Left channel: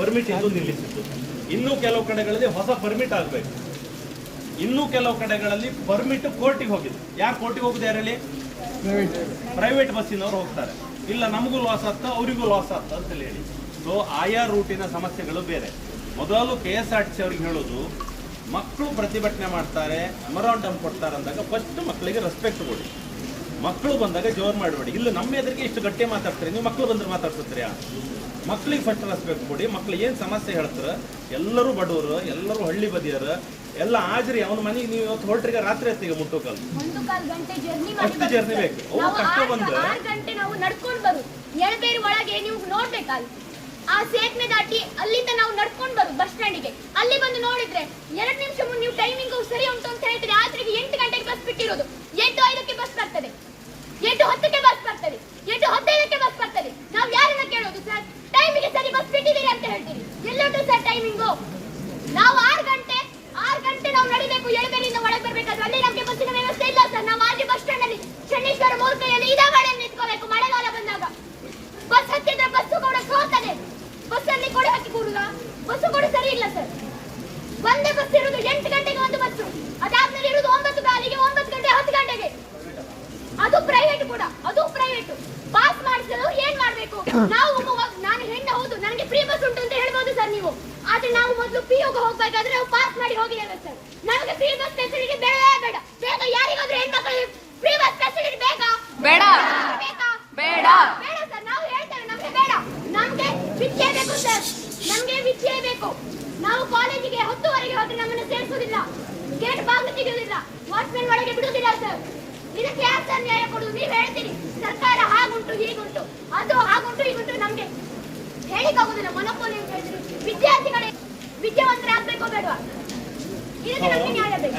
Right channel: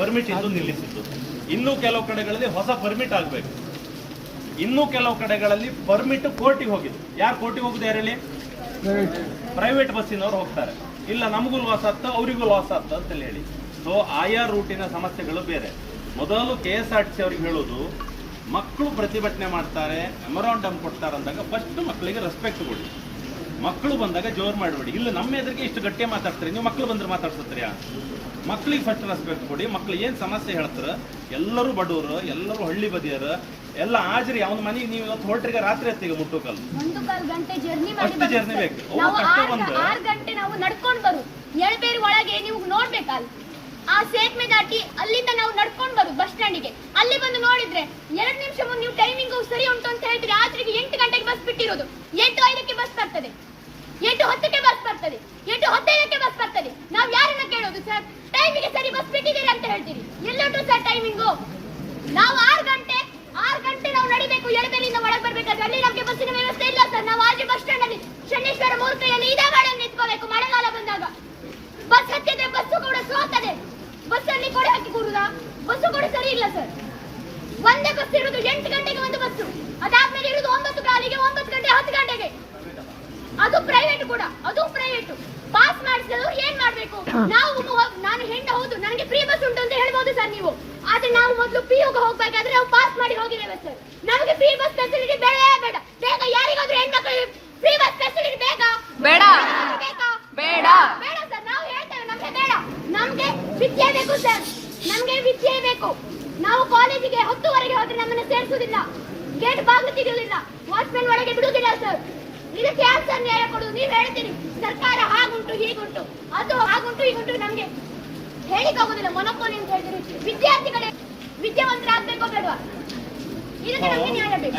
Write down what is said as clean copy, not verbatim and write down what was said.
Permit ಇದ್ದು ನಿಲ್ಲಿಸಿದ್ದು. ಇನ್ನೂ ಕೆಲವು ಕಡೆಗಳಲ್ಲಿ ಹೊಸ ಪರ್ಮಿಟ್ ಆಗಬೇಕು. ಇನ್ನೂ ಕೆಲವು ಕಡೆಗಳಲ್ಲಿ ಪರ್ಮಿಟ್ ಕೋರ್ಟಿಗೆ ಹೋಗಿದೆ. ಯಾರು ಕೋರ್ಟಿಗೆ ಹೋಗುದು? ಯಾರಲ್ಲಿ? ಪ್ರೈವೇಟ್ ಬಸ್ಸಿನವರು ಹೋಗ್ತಾರೆ. ಇಲ್ಲ ನಮಗೂ ಲಾಸ್ ಆಗ್ತಾ ಅವರಿಗೂ ಲಾಸ್ ಆಗ್ತಾ ಅಂತ ಹೇಳಿ. ಸೊ ಆಯಾ ರೂಟಿನ ಸಮಸ್ಯೆಗಳು ಬೇರೆ. ಮೊದಲು KSRTC ಅವ್ರಿಗೆ ಹೇಳೋದು, ಮಕ್ಕಳು ಪ್ರತಿಭಟನೆ ಮಾಡ್ತಾರೆ, ಮೆಮೊರಾಂಡಮ್ ಕೊಡ್ತಾರೆ ಅಂದಾಗ ಫಸ್ಟ್ ಮಕ್ಕಳಿಗೆ ರೆಸ್ಪೆಕ್ಟ್ ಕೊಡಿ. ಮಕ್ಕಳು ಬಂದಾಗ ಜೋರ್ ಮಾಡಬೇಡಿ. ಇಲ್ಲ ನಮ್ಮ ಎದುರಿಗೆ ಇಷ್ಟು ಗಟ್ಟಿ ಮಾತಾಡ್ತಾರೆ, ನೀವು ಮಕ್ಕಳು ಬಂದ್ರೆ ಮಾತಾಡ್ಸುತ್ತೀರಾ? ಮಕ್ಕಳಿಗೆ ಫಸ್ಟ್ ರೆಸ್ಪೆಕ್ಟ್ ಕೊಡಿ. ಮಕ್ಳು ಏನು ಸಮಸ್ಯೆ ಹೇಳ್ತಾರೆ, ಎಲ್ಲರೂ ಬಡವರು, ಎಲ್ಲರೂ ಹಳ್ಳಿ ಬದಿಯರು, ಎಲ್ಲ ಹಾಜರಿ. ಅವನ ಮನೆಗೆ ನೀವು ಇವತ್ತು ಹೊರಟ್ರಿಗೆ ರಾತ್ರಿ ಹೊತ್ತಿಗೆ ಮುಟ್ಟೋಕಲ್ಲ, ಅಷ್ಟು ಜರ್ನಿ ಬೇಕು. ನಾವು 6 ಗಂಟೆ ನಾವು ನಡ್ಕೊಂಡು ಬರು ಎಳಬೇರು ಒಳಗೆ ನೀವು ನೋಡ್ಬೇಕಲ್ಲ, ಆ ಸೇತುವೆ ದಾಟಿ ಅಲ್ಲಿಂದ ನಾವು ನಡ್ಕೊಂಡು ಬರು ಬಸ್ ಸ್ಟ್ಯಾಂಡಿಗೆ. ಅಲ್ಲಿ ಬಂದು ನೋಡಿದ್ರೆ 2 ನಿಮಿಷ ಮುಂದೆ ನೀವು ಟೈಮಿಂಗ್ ಸರಿ ಉಂಟು ಅಂತ ಹೇಳ್ತೀರಿ. ಆದ್ರಿಗೆ 8 ಗಂಟೆಗೆ ಬಸ್ ಬಿಟ್ಟಿರೋದು, 8:05ಕ್ಕೆ ಬಸ್ ಬರ್ತದೆ, 8:10ಕ್ಕೆ ಬಸ್ ಬರ್ತದೆ, 8:15ಕ್ಕೆ ಬಸ್ ಬರ್ತದೆ. ನಾವು ಯಾರನ್ನ ಕೇಳೋದು ಸರ್? ಟೈಮಿಗೆ ಸರಿ ಬಸ್ ಬಿಟ್ಟಿದ್ದೀರಿ ಅಂತ ಹೇಳ್ತೀರಿ. ಎಲ್ಲುಂಟು ಸರ್ ಟೈಮಿಂಗು? ನಾವು 6 ಗಂಟೆ ನಾವು ನಡಿಬೇಕು. ಎಳಬೇರಿಯಿಂದ ಒಳಗೆ ಬರ್ಬೇಕಾದ್ರೆ ಅಲ್ಲಿ ನಮಗೆ ಬಸ್ಸಿನ ವ್ಯವಸ್ಥೆ ಇಲ್ಲ ಸರ್. ನಾವು ಆಜು ಬಸ್ ಸ್ಟ್ಯಾಂಡ್ ಅಲ್ಲಿ ಶನೇಶ್ವರ ಮೂರ್ತಿಯಲ್ಲಿ ಇದೇ ಮಾಡಿ ನಿಂತ್ಕೋಬೇಕು. ಮಳೆಗಾಲ ಬಂದಾಗ ಬಸ್ ಹತ್ತಿದ್ರೆ ಬಸ್ಸು ಕೂಡ ಸೋತದೆ. ಬಸ್ಸಲ್ಲಿ ಕೂಡ ಹಾಕಿ ಕೂಡುದ, ಬಸ್ಸು ಕೂಡ ಸರಿ ಇಲ್ಲ ಸರ್. ಒಂದೇ ಬಸ್ ಇರುವುದು 8 ಗಂಟೆಗೆ ಒಂದು ಬಸ್ಸು, ಅದಾದ್ಮೇಲೆ ಇರುವುದು 9 ಕಾಲಿಗೆ, 9 ಗಂಟೆ 10 ಗಂಟೆಗೆ. ಅದು ಪ್ರೈವೇಟ್ ಕೂಡ, ಅದು ಪ್ರೈವೇಟ್. ಪಾಸ್ ಮಾಡಿಸಲು ಏನ್ ಮಾಡ್ಬೇಕು ನಾವು? ನಾನು ಹೆಣ್ಣು ಹೌದು, ನನಗೆ ಫ್ರೀ ಬಸ್ ಉಂಟು ಅಂತ ಹೇಳ್ಬೋದು ಸರ್ ನೀವು. ಆದ್ರೆ ನಾವು ಮೊದಲು PUಗೆ ಹೋಗ್ಬೇಕಾದ್ರೆ ನಾವು ಪಾಸ್ ಮಾಡಿ ಹೋಗಿದ್ದೇವೆ ಸರ್. ನಮಗೆ ಫ್ರೀ ಬಸ್ ಫೆಸಿಲಿಟಿ ಬೇಡ ಬೇಡ. ಬೇಗ ಯಾರಿಗಾದ್ರೂ ಹೆಣ್ಮಕ್ಳಿಗೆ ಫ್ರೀ ಬಸ್ ಫೆಸಿಲಿಟಿ ಬೇಕಾ? ಬೇಡ ಬೇಡ ಬೇಡ ಸರ್. ನಾವು ಹೇಳ್ತೇವೆ ನಮ್ಗೆ ಬೇಡ. ನಮ್ಗೆ ವಿದ್ಯೆ ಬೇಕು ಸರ್, ನಮ್ಗೆ ವಿದ್ಯೆ ಬೇಕು. ನಾವು ಕಾಲೇಜಿಗೆ 10ವರೆಗೆ ಹೋದ್ರೆ ನಮ್ಮನ್ನ ಸೇರಿಸುವುದಿಲ್ಲ, ಗೇಟ್ ಬಾಗಿಲು ತೆಗೆಯುವುದಿಲ್ಲ, ವಾಚ್ಮೆನ್ ಒಳಗೆ ಬಿಡುವುದಿಲ್ಲ ಸರ್. ಇದಕ್ಕೆ ಯಾರು ಸರ್ ನ್ಯಾಯ ಕೊಡುವುದು? ನೀವು ಹೇಳ್ತೀರಿ ಸರ್ಕಾರ ಹಾಗುಂಟು ಹೀಗುಂಟು, ಅದು ಹಾಗುಂಟು ಹೀಗುಂಟು. ನಮ್ಗೆ ಹೇಳಿಕಾಗುದಿಲ್ಲ. ಮೊನೋಪೋಲಿ ಅಂತ ಹೇಳಿದ್ರೆ ವಿದ್ಯಾರ್ಥಿಗಳೇ ವಿದ್ಯಾವಂತರಾಗಬೇಕೋ ಬೇಡವಾ? ಇದಕ್ಕೆ ನಮ್ಗೆ ನ್ಯಾಯ ಬೇಕು.